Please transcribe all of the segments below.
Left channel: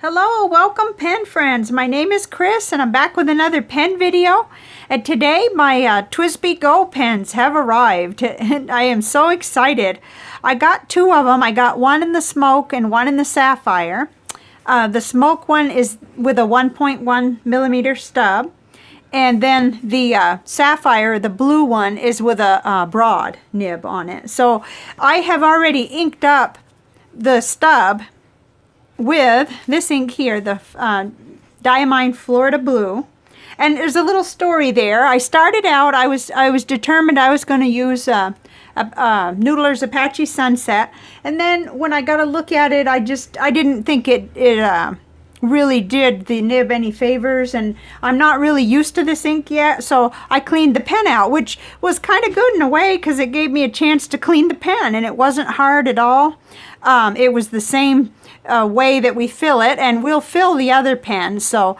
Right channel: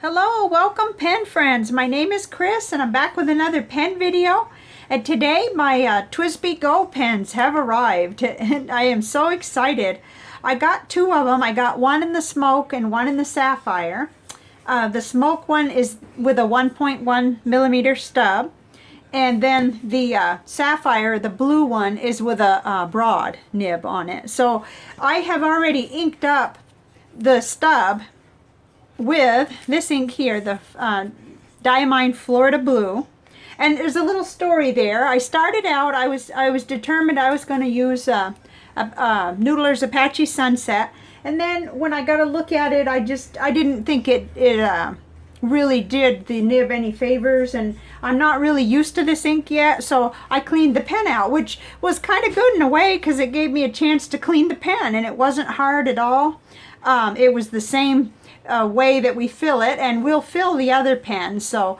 Hello, welcome pen friends. My name is Chris and I'm back with another pen video. And today my TWSBI Go pens have arrived and I am so excited. I got two of them. I got one in the smoke and one in the sapphire. The smoke one is with a 1.1 millimeter stub. And then the sapphire, the blue one, is with a broad nib on it. So I have already inked up the stub with this ink here, the Diamine Florida Blue. And there's a little story there. I started out, I was determined I was going to use Noodler's Apache Sunset. And then when I got a look at it, I didn't think it really did the nib any favors, and I'm not really used to this ink yet, so I cleaned the pen out, which was kind of good in a way because it gave me a chance to clean the pen, and it wasn't hard at all. It was the same way that we fill it, and we'll fill the other pen, so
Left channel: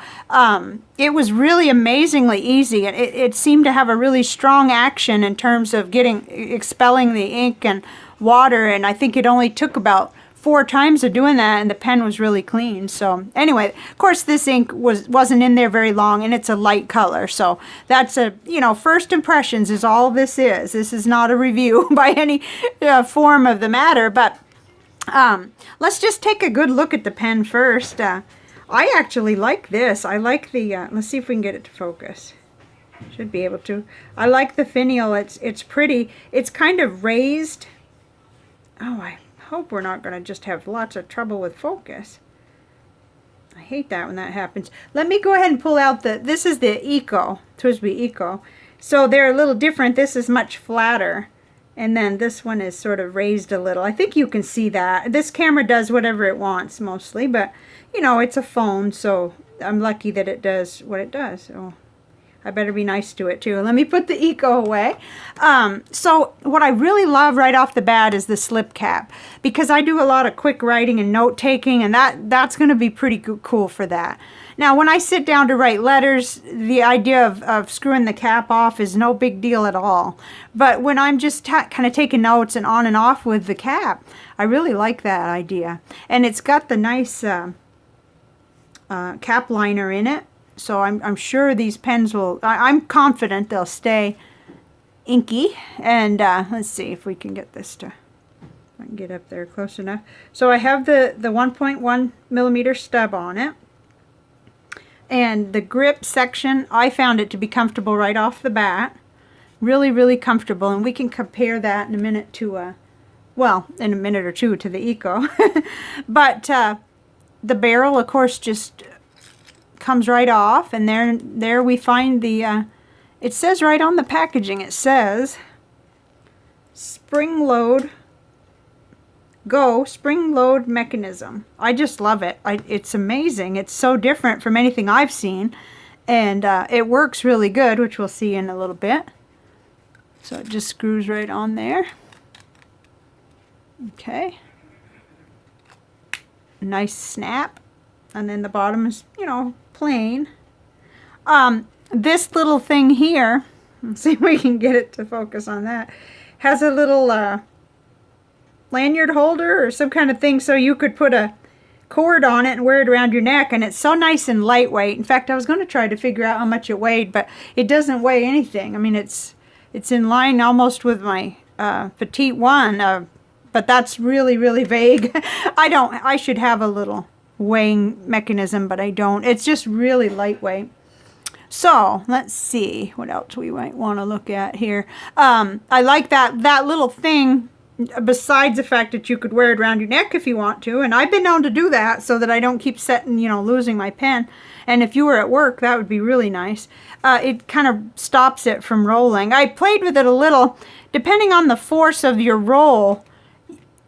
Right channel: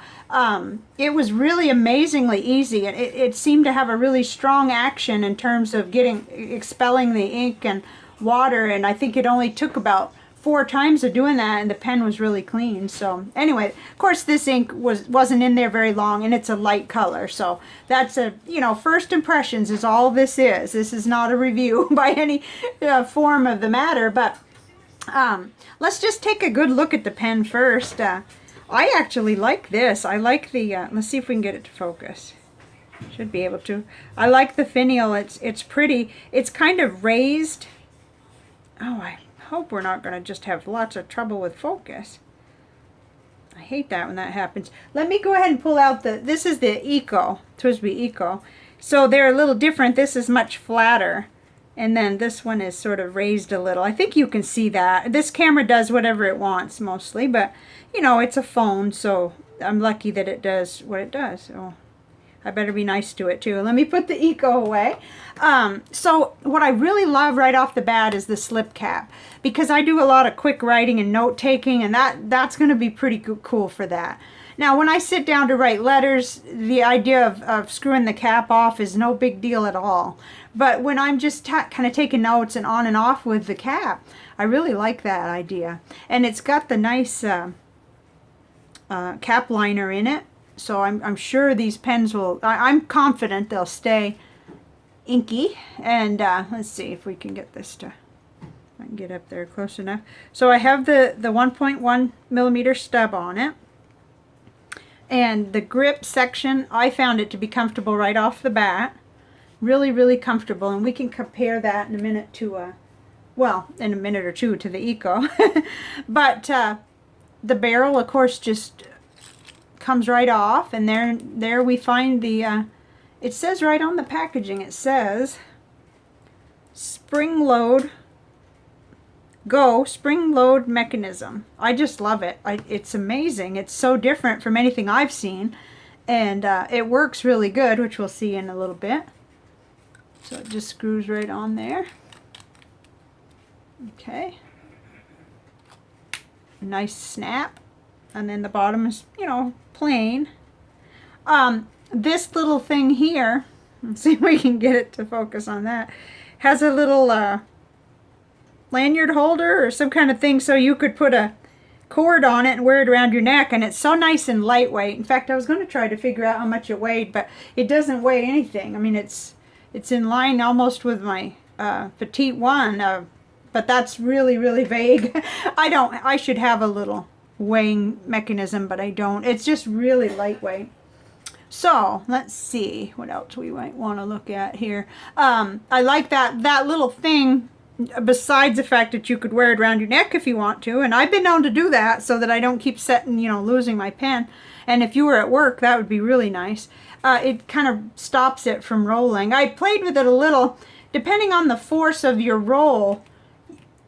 it was really amazingly easy. It seemed to have a really strong action in terms of expelling the ink and water, and I think it only took about 4 times of doing that and the pen was really clean. So anyway, of course this ink wasn't in there very long, and it's a light color, so that's first impressions is all this is. This is not a review by any form of the matter, but let's just take a good look at the pen first. I actually like this. I like the let's see if we can get it to focus. Should be able to. I like the finial. It's pretty. It's kind of raised. Oh, I hope we're not going to just have lots of trouble with focus. I hate that when that happens. Let me go ahead and pull out this is the Eco, TWSBI Eco. So they're a little different. This is much flatter, and then this one is sort of raised a little. I think you can see that. This camera does whatever it wants mostly, but it's a phone, so I'm lucky that it does what it does. Oh, I better be nice to it too. Let me put the Eco away. So what I really love right off the bat is the slip cap, because I do a lot of quick writing and note taking, and that's going to be pretty cool for that. Now when I sit down to write letters, the idea of screwing the cap off is no big deal at all. But when I'm just kind of taking notes and on and off with the cap, I really like that idea. And it's got the nice cap liner in it. So I'm sure these pens will, I'm confident they'll stay inky. And let's see if we can get this to, I can get up there close enough. So I have the 1.1 millimeter stub on it. And the grip section, I found it to be comfortable right off the bat. Really, really comfortable. And we can compare that in a minute to, well, in a minute or two to the Eco. But the barrel, of course, just comes right off, and there we find the it says right on the packaging, it says spring load mechanism. I just love it. It's amazing. It's so different from anything I've seen, and it works really good, which we'll see in a little bit. So it just screws right on there. Okay, nice snap. And then the bottom is, plain. This little thing here, let's see if we can get it to focus on that, has a little lanyard holder or some kind of thing, so you could put a cord on it and wear it around your neck, and it's so nice and lightweight. In fact, I was going to try to figure out how much it weighed, but it doesn't weigh anything. I mean, it's in line almost with my petite one, but that's really, really vague. I should have a little weighing mechanism, but I don't. It's just really lightweight. So let's see what else we might want to look at here. I like that little thing, besides the fact that you could wear it around your neck if you want to, and I've been known to do that so that I don't keep losing my pen. And if you were at work, that would be really nice. It kind of stops it from rolling. I played with it a little. Depending on the force of your roll,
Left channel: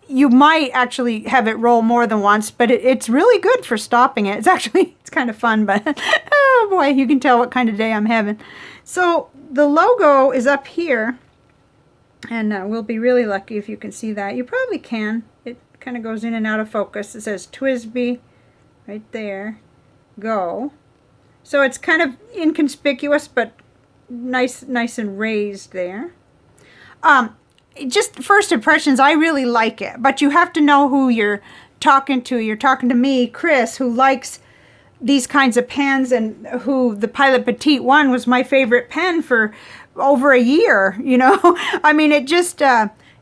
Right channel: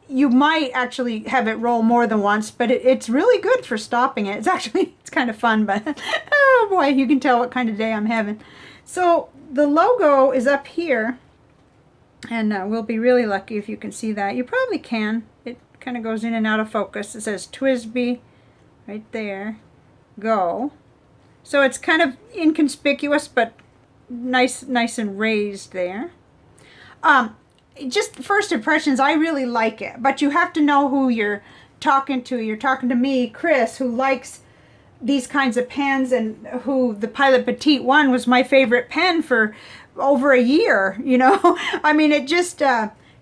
you might actually have it roll more than once, but it's really good for stopping it. It's kind of fun, but oh boy, you can tell what kind of day I'm having. So the logo is up here, and we'll be really lucky if you can see that. You probably can. It kind of goes in and out of focus. It says TWSBI right there, Go. So it's kind of inconspicuous, but nice and raised there. Just first impressions, I really like it, but you have to know who you're talking to me, Chris, who likes these kinds of pens, and who the Pilot Petite one was my favorite pen for over a year, you know. I mean, it just,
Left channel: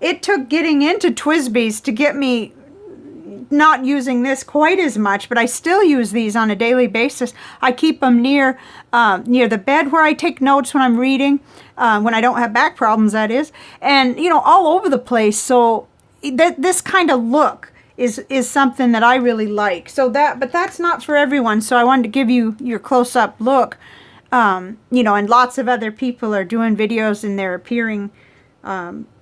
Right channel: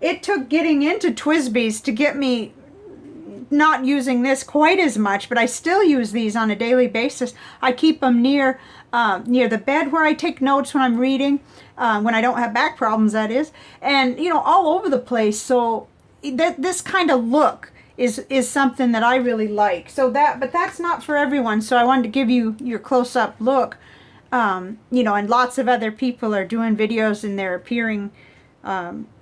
it took getting into TWSBI's to get me not using this quite as much, but I still use these on a daily basis. I keep them near the bed where I take notes when I'm reading, when I don't have back problems, that is, and, you know, all over the place. So this kind of look is something that I really like. So but that's not for everyone. So I wanted to give you your close-up look. You know, and lots of other people are doing videos and they're appearing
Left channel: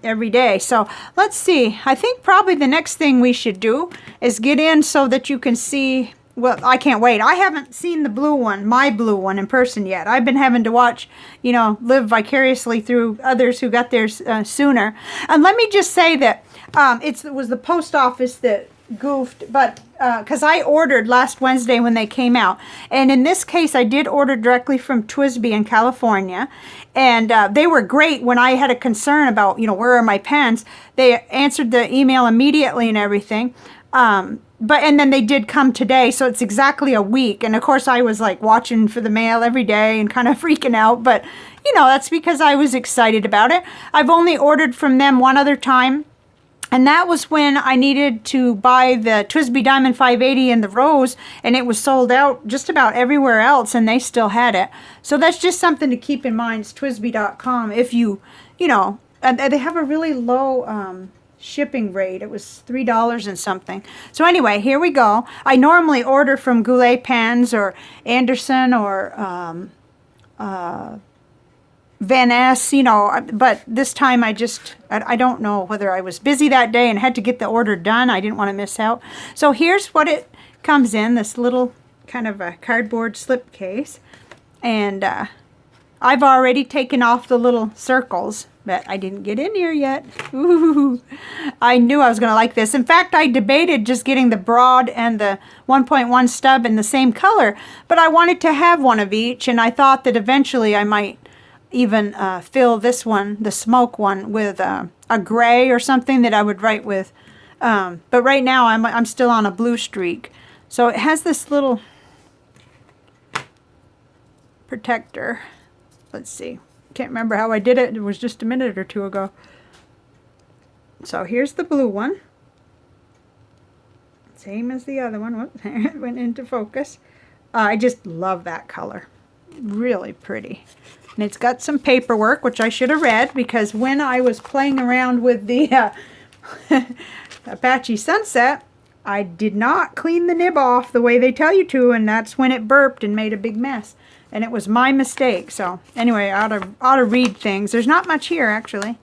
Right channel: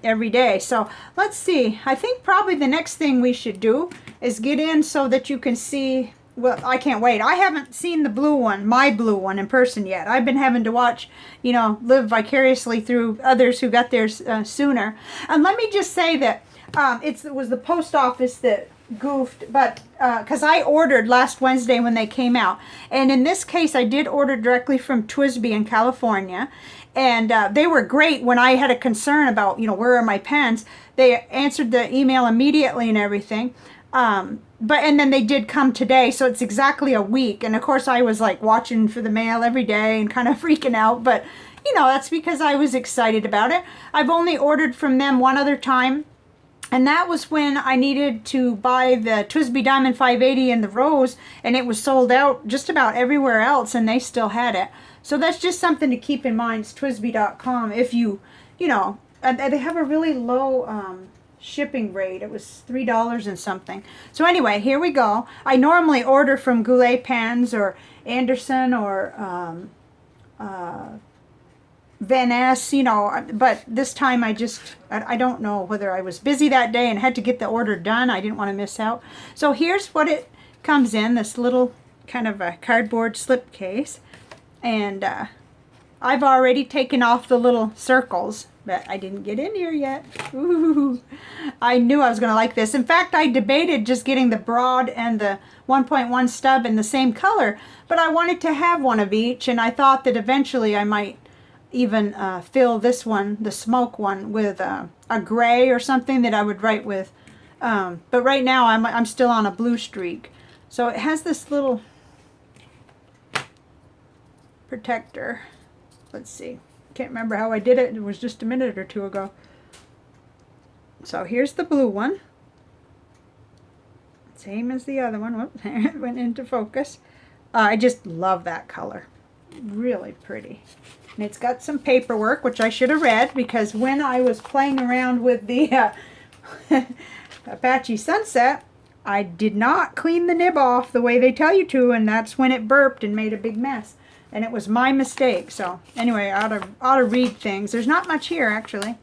every day. So let's see. I think probably the next thing we should do is get in so that you can see. Well, I can't wait. I haven't seen the blue one, my blue one, in person yet. I've been having to watch, you know, live vicariously through others who got theirs sooner. And let me just say that it was the post office that goofed, but because I ordered last Wednesday when they came out, and in this case I did order directly from TWSBI in California, and they were great when I had a concern about, you know, where are my pens. They answered the email immediately and everything. And then they did come today, so it's exactly a week. And of course I was like watching for the mail every day and kind of freaking out, but you know, that's because I was excited about it. I've only ordered from them one other time, and that was when I needed to buy the TWSBI Diamond 580 in the rose, and it was sold out just about everywhere else, and they still had it. So that's just something to keep in mind. It's TWSBI.com. If you know, they have a really low shipping rate. It was $3 and something. So anyway, here we go. I normally order from Goulet Pens or Anderson or Van Ness, you know, but this time I don't know whether I was busy that day and had to get the order done. I didn't want to miss out. So here's what it comes in, this little kind of a cardboard slip case. And I've already taken off the little circles, but I didn't get in here yet. Ooh, I knew I was going to like this. In fact, I debated just getting the broad and the 1.1 stub in the same color, but I wanted to have one of each, and I thought that eventually I might even fill this one, the smoke one, with a gray or something that I would write with. But right now I'm still on a blue streak. So it has this little protector. Let's see. Can't remember how I did it. It was just a minute or two ago. So here's the blue one. Same as the other one. Whoops, it went into focus. I just love that color. Really pretty. And it's got some paperwork, which I should have read, because when I was playing around with the Apache Sunset, I did not clean the nib off the way they tell you to, and that's when it burped and made a big mess. And it was my mistake. So anyway, I ought to read things. There's not much here, actually.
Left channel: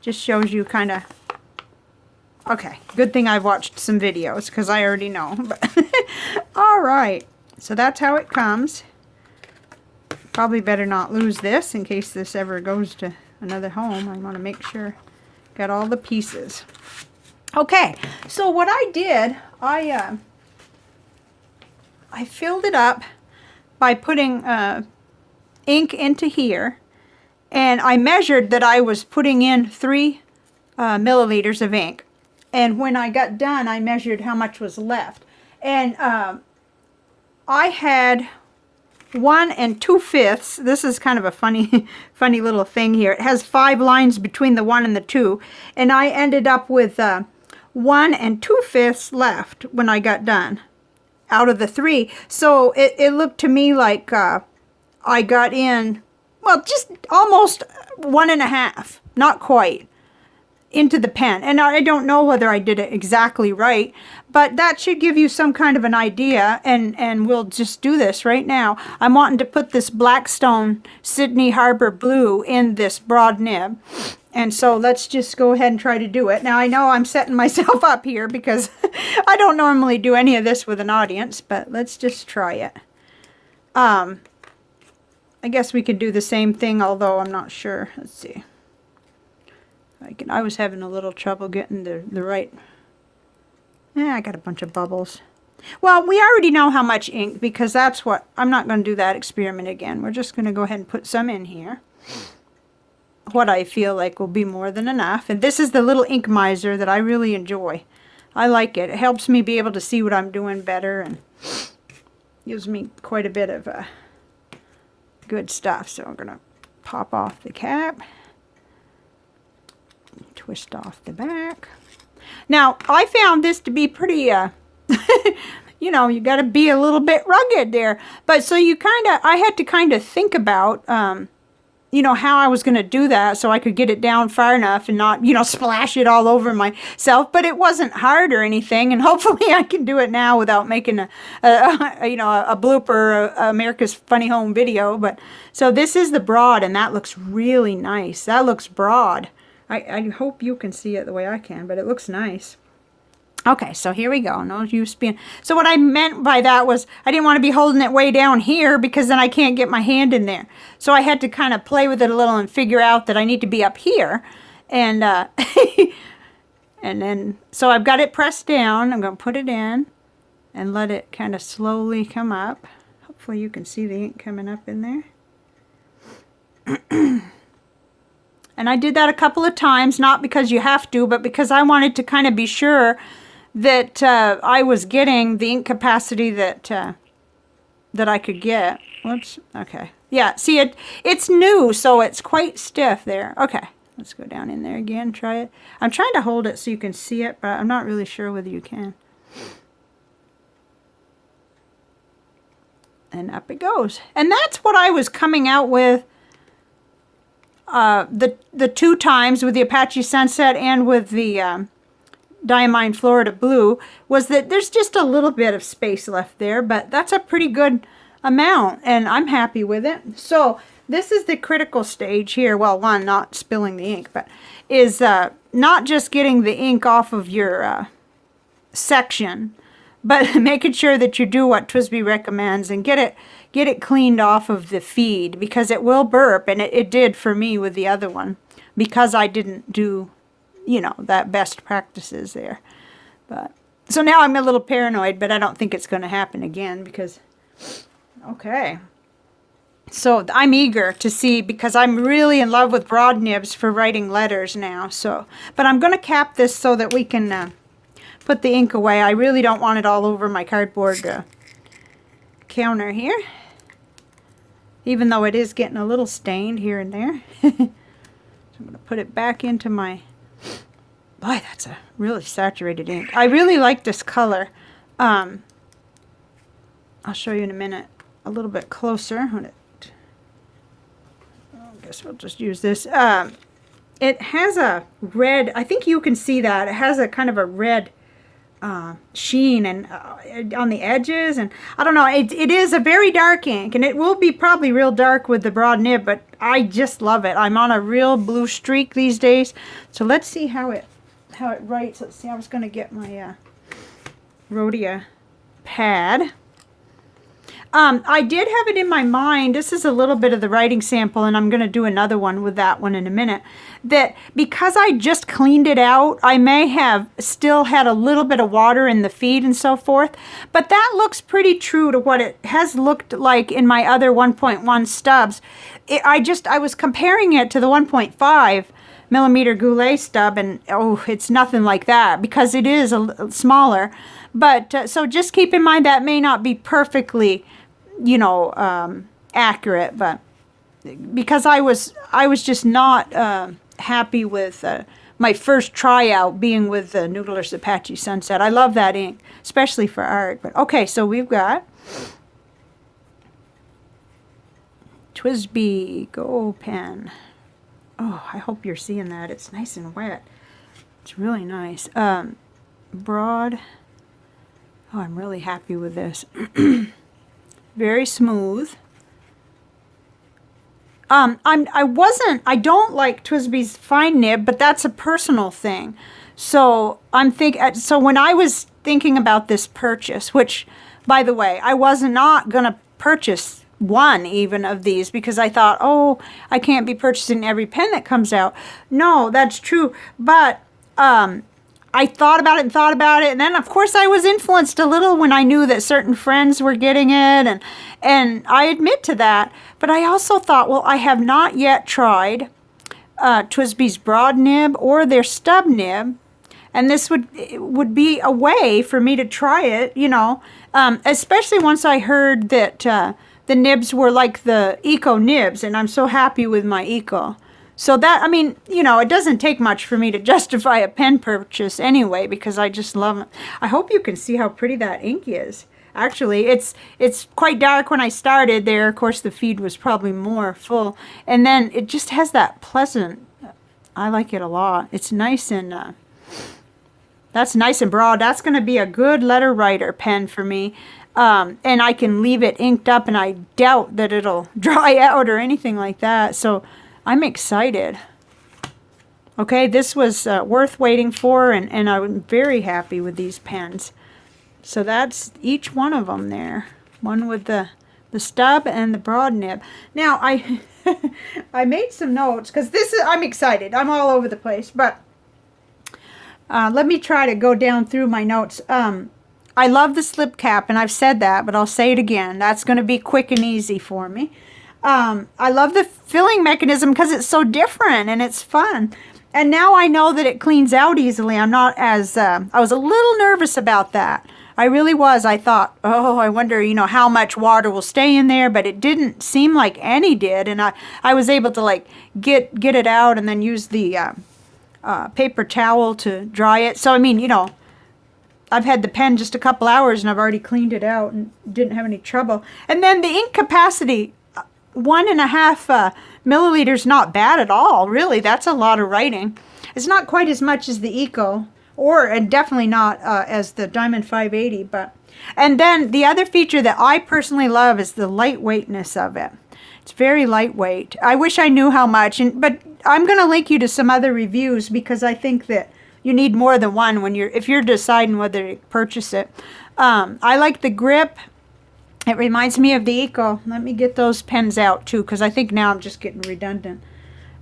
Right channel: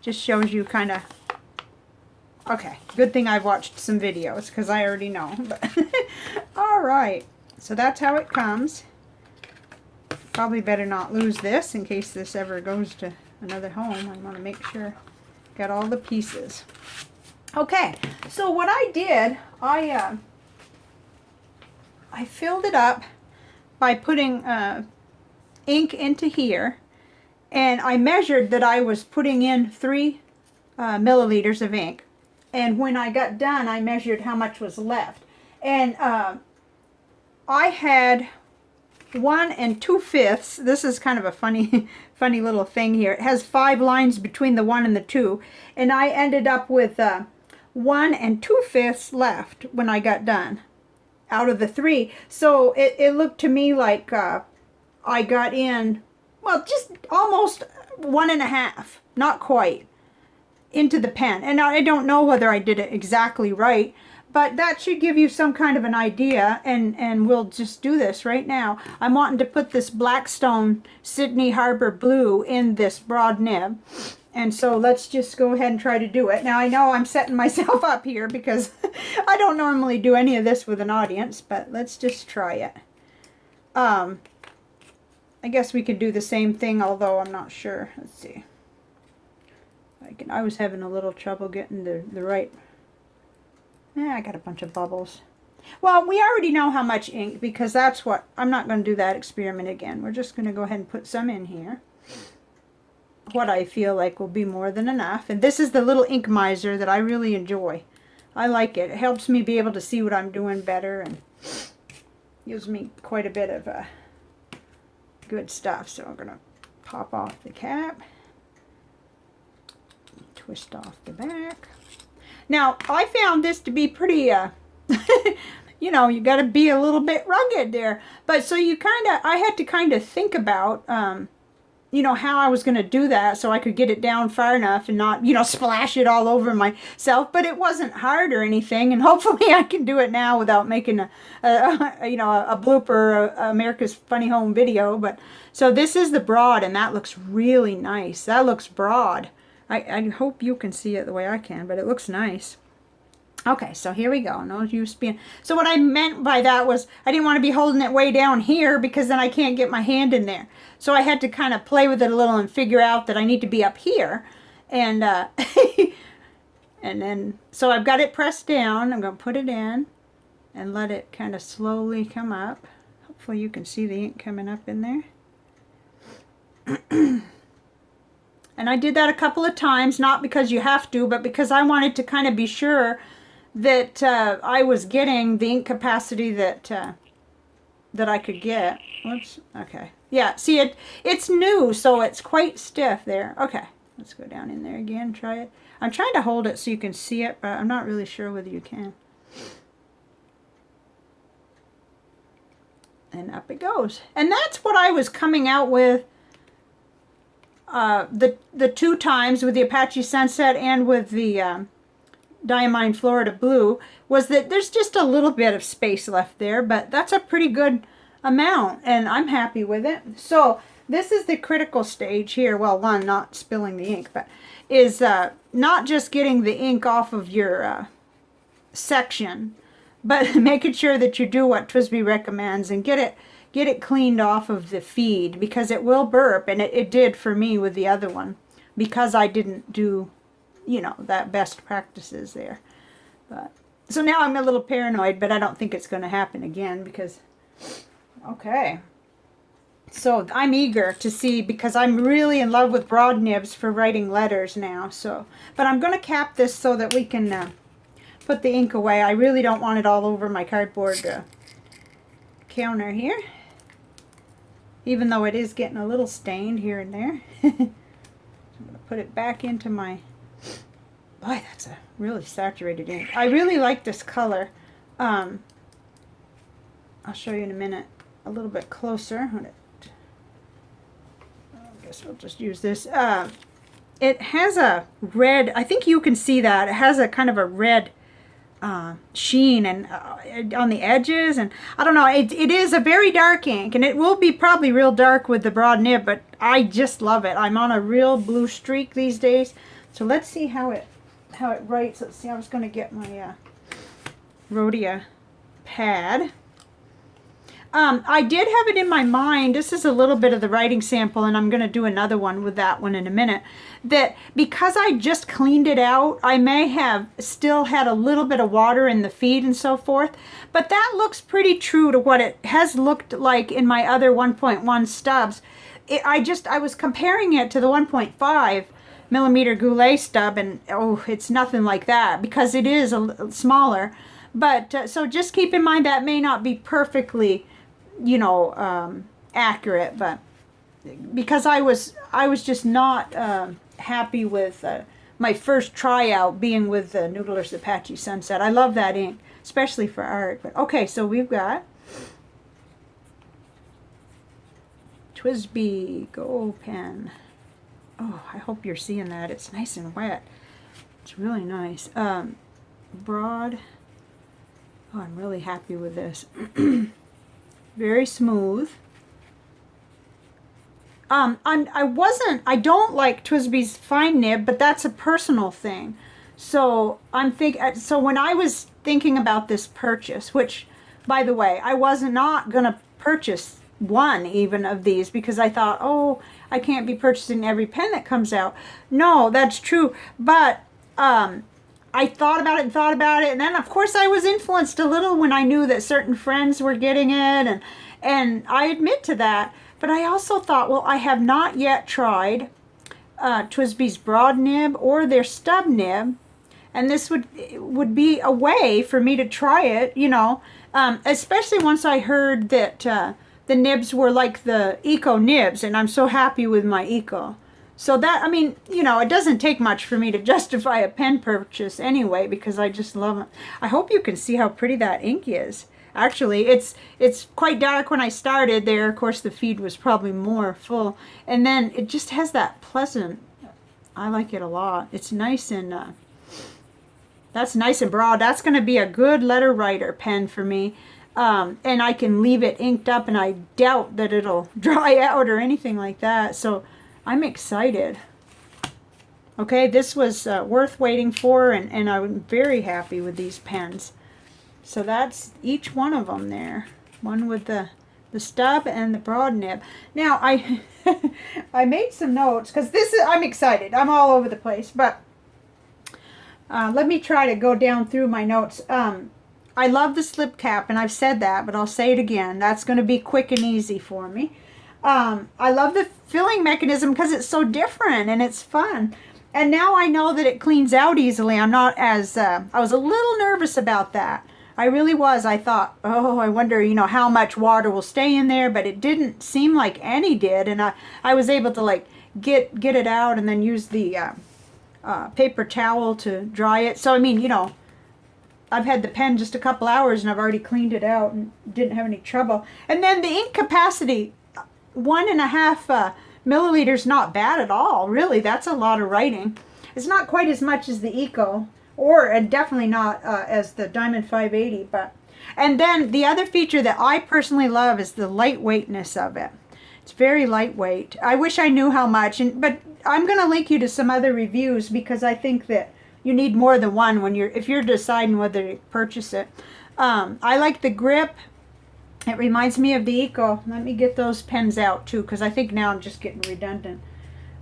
Just shows you kind of... Okay, good thing I've watched some videos, because I already know. But all right, so that's how it comes. Probably better not lose this in case this ever goes to another home. I want to make sure got all the pieces. Okay, so what I did, I filled it up by putting ink into here, and I measured that I was putting in 3 milliliters of ink. And when I got done, I measured how much was left. And I had 1 2/5. This is kind of a funny little thing here. It has 5 lines between the 1 and the 2, and I ended up with 1 2/5 left when I got done out of the 3. So it looked to me like I got in, well, just almost 1 1/2, not quite, into the pen. And I don't know whether I did it exactly right, but that should give you some kind of an idea, and we'll just do this right now. I'm wanting to put this Blackstone Sydney Harbour blue in this broad nib, and so let's just go ahead and try to do it. Now I know I'm setting myself up here because I don't normally do any of this with an audience, but let's just try it. I guess we could do the same thing, although I'm not sure. Let's see. I was having a little trouble getting the right... I got a bunch of bubbles. Well, we already know how much ink, because that's what... I'm not going to do that experiment again. We're just going to go ahead and put some in here. What I feel like will be more than enough. And this is the little ink miser that I really enjoy. I like it. It helps me be able to see what I'm doing better and gives me quite a bit of good stuff. So I'm going to pop off the cap, twist off the back. Now, I found this to be pretty, you know, you got to be a little bit rugged there. But so you I had to kind of think about, you know, how I was going to do that so I could get it down far enough and not, you know, splash it all over myself. But it wasn't hard or anything, and hopefully I can do it now without making you know, a blooper, America's Funny Home video. But so this is the broad, and that looks really nice. That looks broad. I hope you can see it the way I can, but it looks nice. Okay, so here we go. No use being... So what I meant by that was I didn't want to be holding it way down here because then I can't get my hand in there. So I had to kind of play with it a little and figure out that I need to be up here. And and then, so I've got it pressed down. I'm going to put it in and let it kind of slowly come up. Hopefully you can see the ink coming up in there. And I did that a couple of times, not because you have to, but because I wanted to kind of be sure that I was getting the ink capacity that that I could get. Whoops. Okay. Yeah. See, it's new, so it's quite stiff there. Okay. Let's go down in there again. Try it. I'm trying to hold it so you can see it, but I'm not really sure whether you can. And up it goes. And that's what I was coming out with the 2 times with the Apache Sunset and with the Diamine Florida Blue, was that there's just a little bit of space left there, but that's a pretty good amount, and I'm happy with it. So this is the critical stage here. Well, one, not spilling the ink, but is not just getting the ink off of your section, but making sure that you do what TWSBI recommends and get it cleaned off of the feed, because it will burp, and it did for me with the other one, because I didn't do, you know, that best practices there. But so now I'm a little paranoid, but I don't think it's going to happen again, because okay. So I'm eager to see, because I'm really in love with broad nibs for writing letters now. So, but I'm going to cap this so that we can put the ink away. I really don't want it all over my cardboard counter here, even though it is getting a little stained here and there. So I'm going to put it back into my... Boy, that's a really saturated ink. I really like this color. I'll show you in a minute a little bit closer. I guess we'll just use this. It has a red, I think you can see that. It has a kind of a red sheen and on the edges, and I don't know, it is a very dark ink, and it will be probably real dark with the broad nib, but I just love it. I'm on a real blue streak these days. So let's see how it writes. Let's see. I was going to get my Rhodia pad. I did have it in my mind, this is a little bit of the writing sample, and I'm going to do another one with that one in a minute, that because I just cleaned it out, I may have still had a little bit of water in the feed and so forth, but that looks pretty true to what it has looked like in my other 1.1 stubs. I was comparing it to the 1.5 millimeter Goulet stub, and oh, it's nothing like that, because it is a smaller. But so just keep in mind that may not be perfectly, you know, accurate, but because I was just not happy with my first tryout being with the Noodler's Apache Sunset. I love that ink, especially for art. But okay, so we've got TWSBI Go pen. Oh, I hope you're seeing that. It's nice and wet. It's really nice. Broad. Oh, I'm really happy with this. Very smooth. I don't like TWSBI's fine nib, but that's a personal thing. So so when I was thinking about this purchase, which, by the way, I was not gonna purchase one even of these, because I thought, oh, I can't be purchasing every pen that comes out. No, that's true, but I thought about it, and then of course I was influenced a little when I knew that certain friends were getting it, and I admit to that. But I also thought, well, I have not yet tried TWSBI's broad nib or their stub nib, And this would be a way for me to try it, you know, especially once I heard that the nibs were like the Eco nibs, and I'm so happy with my Eco. So that, I mean, you know, it doesn't take much for me to justify a pen purchase anyway, because I just love it. I hope you can see how pretty that ink is. Actually, it's quite dark when I started there. Of course, the feed was probably more full. And then it just has that pleasant, I like it a lot. It's nice and, that's nice and broad. That's going to be a good letter writer pen for me. And I can leave it inked up, and I doubt that it'll dry out or anything like that. So I'm excited. Okay, this was worth waiting for, and I'm very happy with these pens. So that's each one of them there. One with the stub and the broad nib. Now, I made some notes, because I'm excited. I'm all over the place, but let me try to go down through my notes. I love the slip cap, and I've said that, but I'll say it again. That's going to be quick and easy for me. I love the filling mechanism because it's so different and it's fun. And now I know that it cleans out easily. I'm not as, I was a little nervous about that. I really was. I thought, oh, I wonder, you know, how much water will stay in there, but it didn't seem like any did. And I was able to like get it out and then use the paper towel to dry it. So, I mean, you know, I've had the pen just a couple hours and I've already cleaned it out and didn't have any trouble. And then the ink capacity, 1.5 milliliters, not bad at all, really. That's a lot of writing. It's not quite as much as the Eco, and definitely not as the Diamond 580. And then the other feature that I personally love is the lightweightness of it. It's very lightweight. I wish I knew how much, but I'm going to link you to some other reviews, because I think that you need more than one if you're deciding whether to purchase it. I like the grip. It reminds me of the Eco. Let me get those pens out too, because I think now I'm just getting redundant.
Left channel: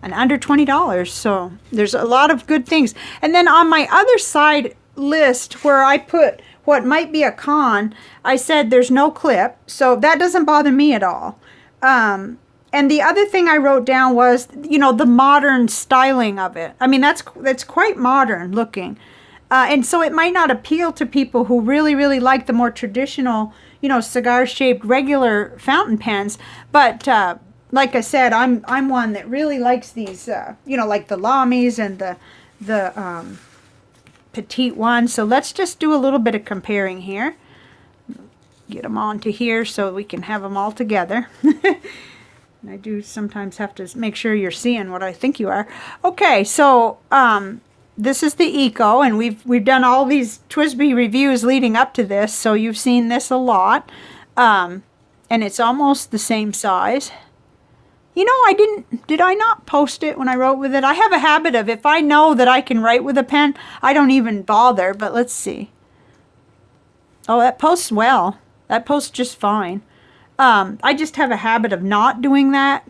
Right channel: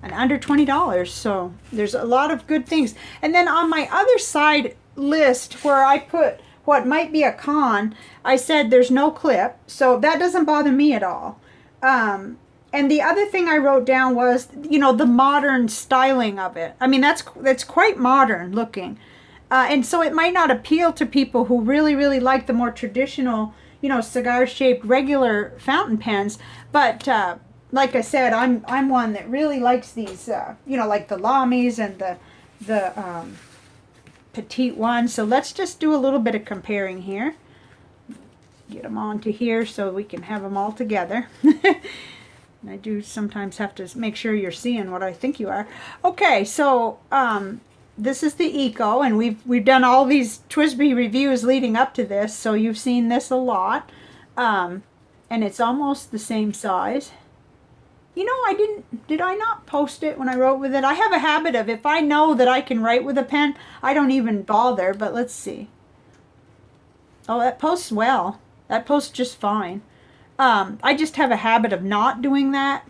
And under $20, so there's a lot of good things. And then on my other side list, where I put what might be a con, I said there's no clip, so that doesn't bother me at all. And the other thing I wrote down was, you know, the modern styling of it. I mean, that's quite modern looking. And so it might not appeal to people who really, really like the more traditional, you know, cigar-shaped regular fountain pens. But like I said, I'm one that really likes these, you know, like the Lamis and the petite ones. So let's just do a little bit of comparing here. Get them onto here so we can have them all together. And I do sometimes have to make sure you're seeing what I think you are. Okay, so this is the Eco, and we've done all these TWSBI reviews leading up to this, so you've seen this a lot. And it's almost the same size. You know, did I not post it when I wrote with it? I have a habit of, if I know that I can write with a pen, I don't even bother, but let's see. Oh, that posts well. That posts just fine. I just have a habit of not doing that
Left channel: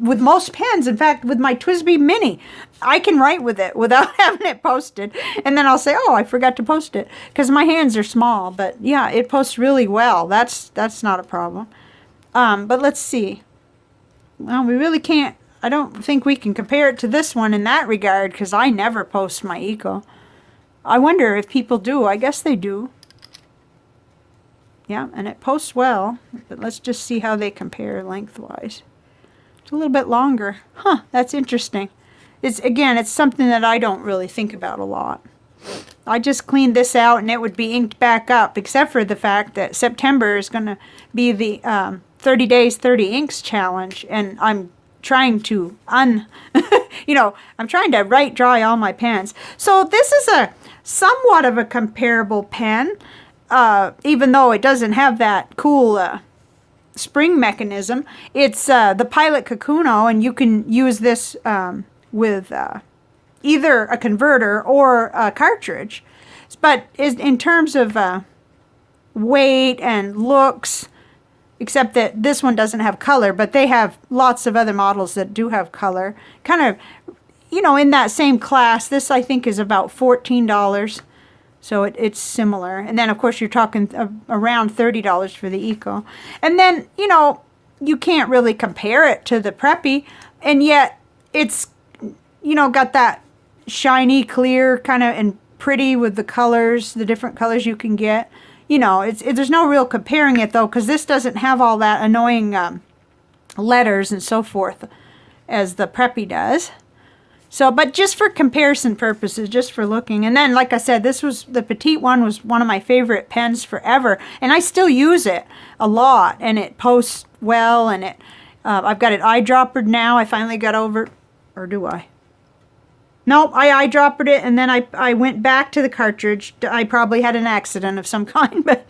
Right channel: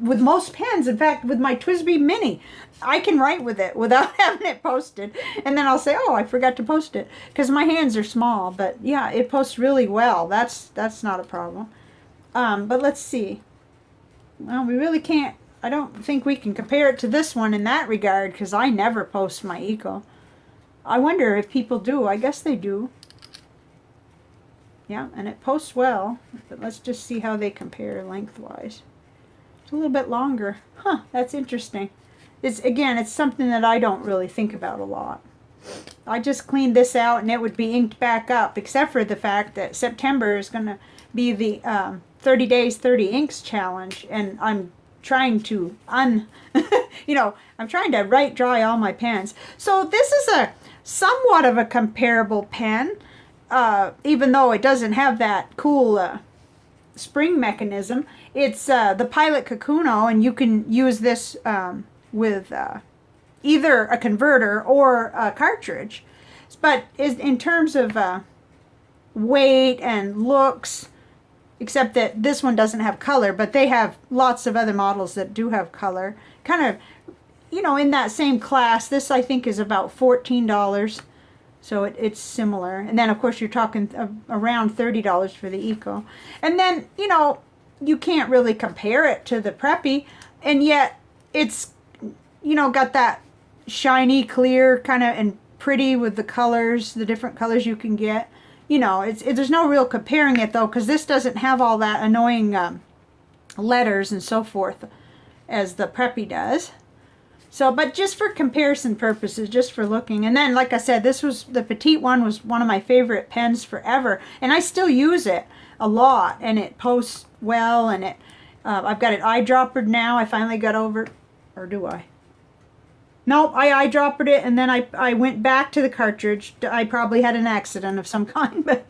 with most pens. In fact, with my TWSBI Mini, I can write with it without having it posted. And then I'll say, oh, I forgot to post it, because my hands are small. But yeah, it posts really well. That's not a problem. But let's see. Well, we really can't. I don't think we can compare it to this one in that regard, because I never post my Eco. I wonder if people do. I guess they do. Yeah, and it posts well, but let's just see how they compare lengthwise. It's a little bit longer. Huh, that's interesting. It's something that I don't really think about a lot. I just cleaned this out and it would be inked back up, except for the fact that September is going to be the 30 days, 30 inks challenge, and I'm trying to you know, I'm trying to write dry all my pens. So this is a somewhat of a comparable pen. Even though it doesn't have that cool spring mechanism. It's the Pilot Kakuno, and you can use this with either a converter or a cartridge. But in terms of weight and looks, except that this one doesn't have color, but they have lots of other models that do have color. Kind of, you know, in that same class. This, I think, is about $14. So it's similar. And then, of course, you're talking around $30 for the Eco. And then, you know, you can't really compare it to the Preppy. And yet, it's, you know, got that shiny, clear kind of and pretty with the colors, the different colors you can get. You know, there's no real comparing it though, because this doesn't have all that annoying letters and so forth as the Preppy does. So, but just for comparison purposes, just for looking. And then, like I said, the petite one was one of my favorite pens forever. And I still use it a lot. And it posts well. And I've got it eyedroppered now. I finally got over, or do I? Nope, I eyedroppered it. And then I went back to the cartridge. I probably had an accident of some kind. But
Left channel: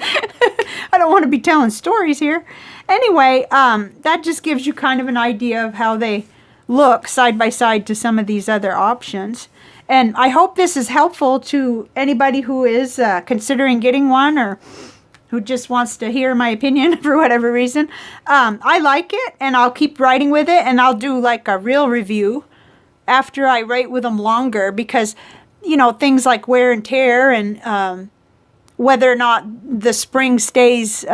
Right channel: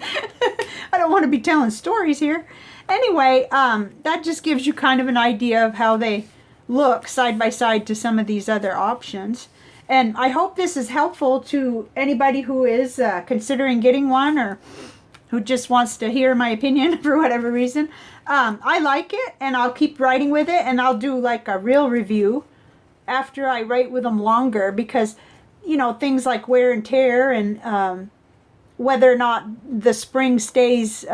I don't want to be telling stories here. Anyway, that just gives you kind of an idea of how they look side by side to some of these other options. And I hope this is helpful to anybody who is considering getting one, or who just wants to hear my opinion for whatever reason. I like it, and I'll keep writing with it, and I'll do like a real review after I write with them longer, because, you know, things like wear and tear, and whether or not the spring stays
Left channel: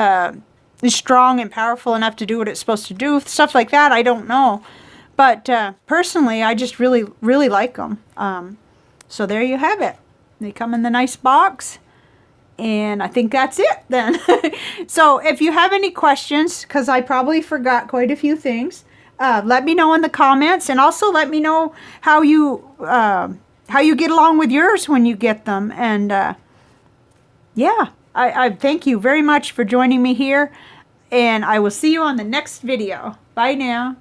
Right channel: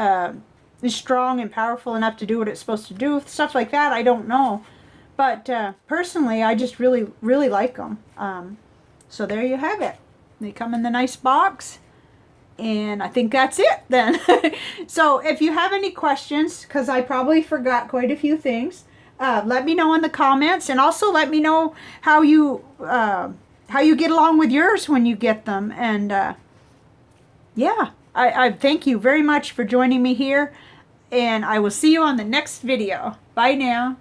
strong and powerful enough to do what it's supposed to do, stuff like that, I don't know. But personally, I just really, really like them. So there you have it. They come in the nice box. And I think that's it then. So if you have any questions, because I probably forgot quite a few things, let me know in the comments. And also let me know how you get along with yours when you get them. And yeah, I thank you very much for joining me here. And I will see you on the next video. Bye now.